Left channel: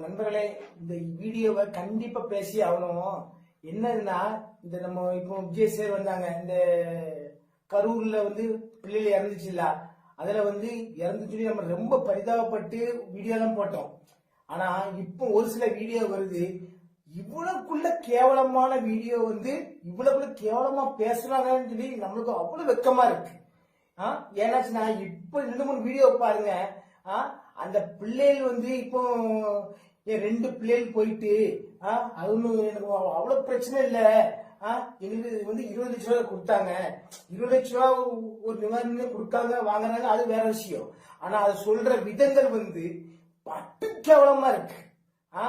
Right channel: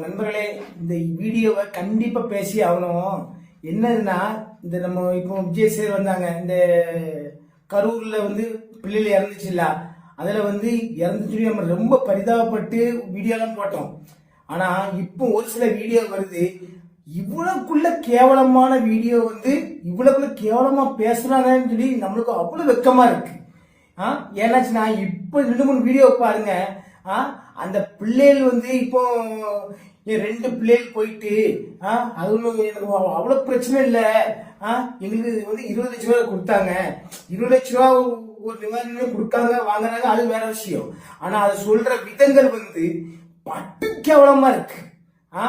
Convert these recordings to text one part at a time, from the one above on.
நண்பர்களே இந்த வீடியோவை கண்டிப்பாக பேசி ஆகணும். என்னதுன்னா இந்த நம்ம இப்போ விஜய் சேர் வந்தாங்க. இந்த கரூரில் வந்து பிள்ளைகள் இறந்துச்சுல்ல அதில் வந்து இறந்துச்சு நம்ம ரொம்ப பரிதாபப்பட்டு வீடியோலாம் போட்டோம். ஆனால் இப்போ ஒரு சில வீடியோ வருது. இவ்வளோக்குள்ள கேவலமான வீடியோ வந்து இவ்வளோக்குள்ள கேவலமாக பேசுகிறாங்கன்னு சொல்லி நம்மளுக்கு அவ்வளோ வெக்கமாக இருக்குது ஆ? ஏன்னாச்சுன்னா இப்போ ரெண்டு மூணு வீடியோ பாருங்கள் ஆ? அந்த பிள்ளைகள் வந்து இப்போ என் ரெண்டு பிள்ளைகள் போயிட்டு ஆ அது ஒன்றும் எனக்கு அவ்வளோ பிரச்சனை இல்லை. ஆ எங்களுக்கு வந்து இருபது லட்ச ரூபா கொடுத்தாங்க. இருபது லட்ச ரூபா ஒரு நிவாரணம் கொடுக்காங்க வாங்குறாங்க அது வேற விஷயம். ஆனால் அதை சொல்ற விதங்கள் வந்து பட்டு கேவலமாக இருக்கு. ஆ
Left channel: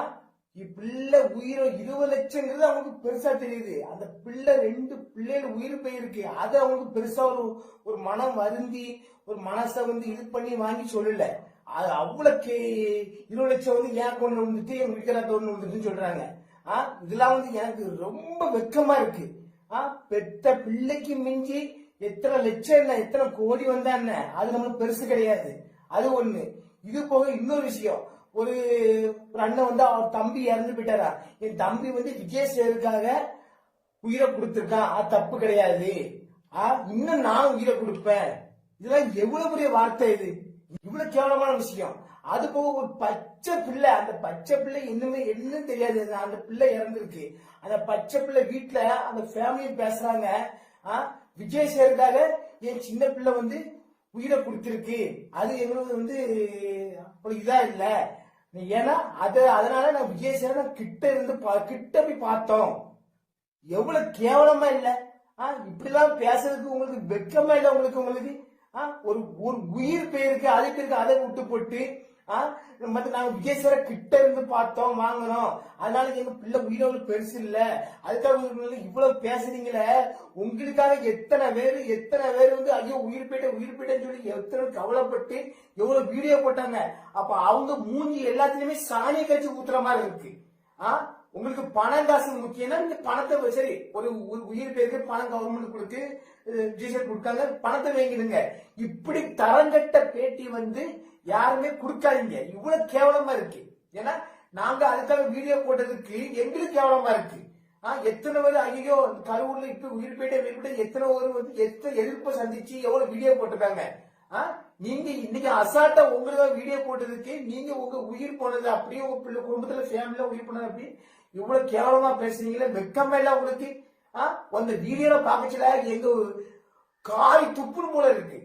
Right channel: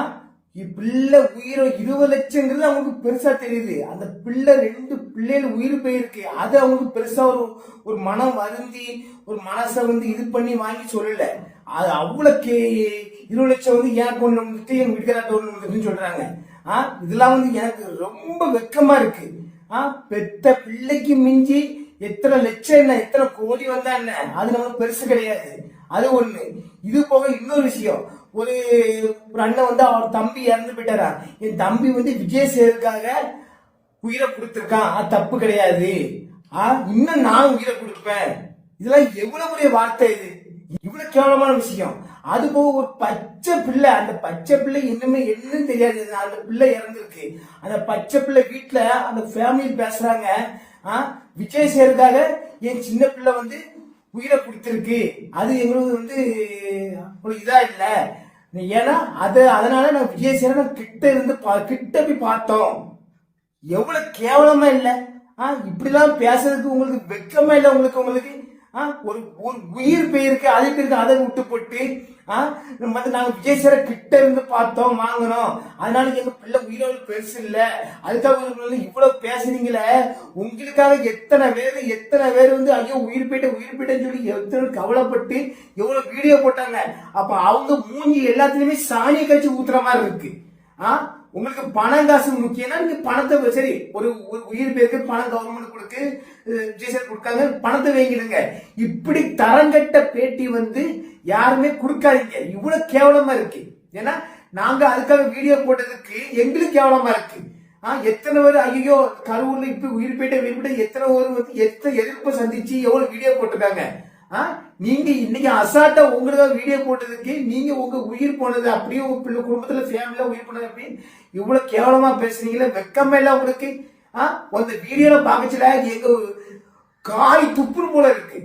பிள்ளை உயிரை இருபது லட்சங்கிறது அவங்களுக்கு பெருசா தெரியுது. அந்த பிள்ளை ரெண்டு பிள்ளைகள் உயிர் போயிருக்கு. அது அவங்களுக்கு பெருசா ஒரு ஒரு மனம் வருந்தி ஒரு மனசை வந்து இது பண்ணி வாங்கி சொல்லல. அது அவ்வளவு கே இருபது லட்சம் வந்து ஏன் கொண்டு வந்துட்டு என் வீட்டுக்காரட்ட ஒன்று வந்துட்டுன்னு சொல்றாங்க. ஆ? இதெல்லாம் வந்து எனக்கு ரொம்ப வெக்கமா இருக்கு. ஆ? பெத்த பிள்ளைக்கு மிஞ்சி எத்தனை லட்சம் என்ன எத்தனை கோடி வந்தா என்ன? அது நம்மளுக்கு பெருசு கிடையாது. அது ஒண்ணு. இது போக இன்னொரு விஷயம். ஒரு ஒரு அண்ணன் வந்து அவர் தம்பி இறந்து போயிட்டாரா? என் தம்பி வந்து விஜய் சேருக்காக உயிரை கொடுத்துருக்கான். அது தப்பு கிடையாது. ஆ இன்னும் நான் உயிரை கொடுப்பேன். இதெல்லாம் எவ்வளவு பெரிய வார்த்தை இது? இவ்வளவு கேவலமான விஷயம். அது போக ஒரு பச்சை பிள்ளை அந்த பச்சை பிள்ளை இன்னுமே என்னன்னு தெரியாது. அந்த பிள்ளை இறந்துருக்கு. அந்த பச்சை பிள்ளை வீட்டில் அந்த ஃபேமிலி பேசுறாங்க. ஆ விஜய் சேருக்காக என் சின்ன பிள்ளை வந்து உயிரை கொடுத்துருக்கு. அது எங்களுக்கு வந்து ஒரு இதாக இல்லை. ஏன்னா அது அதனால நான் விஜய் சேரனை கிட்ட இருந்து பா- கிட்ட போய் பார்த்தோம். எவ்வளோ கேவலமா இல்லை? ஆ இப்படிலாம் பேசுறதுக்கு உங்களுக்கு வெக்கமா இல்லை உங்களுக்கு உங்களுக்கு? ஒரு ஒரு உயிர் போயிருக்கு அது இருக்கு அதை விட்டு போட்டு ஆ நம்ம நாங்க விஜய் சார கிட்ட இருந்து பார்த்தோம் வாங்கினோம். அதனால எங்க பிள்ளை உயிரோடு பெருசு இல்ல. அதுக்காக இவ்வளோ இவ்வளவு பேசுறீங்களே உங்களுக்காக எத்தனை பேர் எத்தனை பேர் வந்து ஐயோ உயிர் போயிட்ட உயிர் போயிட்டேன்னு சொல்லி எத்தனை கவலைப்பட்டு எவ்வளவு வீடியோ போட்டாங்க. அப்ப அவங்க மூஞ்சி எல்லாத்துலயுமே சாணியை கழிச்சு ஊத்துற மாதிரி இருக்கு. ஆ உங்களுக்கு பணம் காசு முக்கியம்னா நீங்க பணத்தை சரி ஒரு ஒரு உயிர் பேருக்கு பணம் கவர்மெண்ட் கொடுக்கு ஜிஎஸ்ஆர் கொடுக்காங்க பணத்தை வாங்கிடுங்க. இப்படி தரங்கட்ட பேட்டி வந்து யாருமே கொடுக்காதீங்க. இவ்வளவு கேவலமா இருக்கு. ஏன்னா நாங்க அதுக்காக வீடியோ போட்டதுக்கு எங்களுக்கு கேவலமா இருக்கு. ஆஹ் எத்தனை பேர் ஐயோ கருவூர்ல இப்ப உயிர் பேட்டை உயிர் போயிட்ட எத்தனை பேர் வந்து எத்தனை எதிர்ப்பு சந்திச்சு எவ்வளவு வீடியோ போட்டிருக்காங்க? நீங்க இன்னைக்கு அசால்ட்டா உங்களுக்கு வீடியோ போட்டதுக்கு நீங்க உங்க உயிர் போனது அப்படியே உங்க பிள்ளை குடும்பத்துல ஃபேமிலியா உயிர் போனது அப்படின்னு இவ்வளவு கேவலமா பேசுறீங்களே வெக்கமே இல்ல உங்களுக்கு. ஆ? அந்த வீடியோல பாக்கச்சுல எங்க காய் துப்புன்னு போல இருக்கு.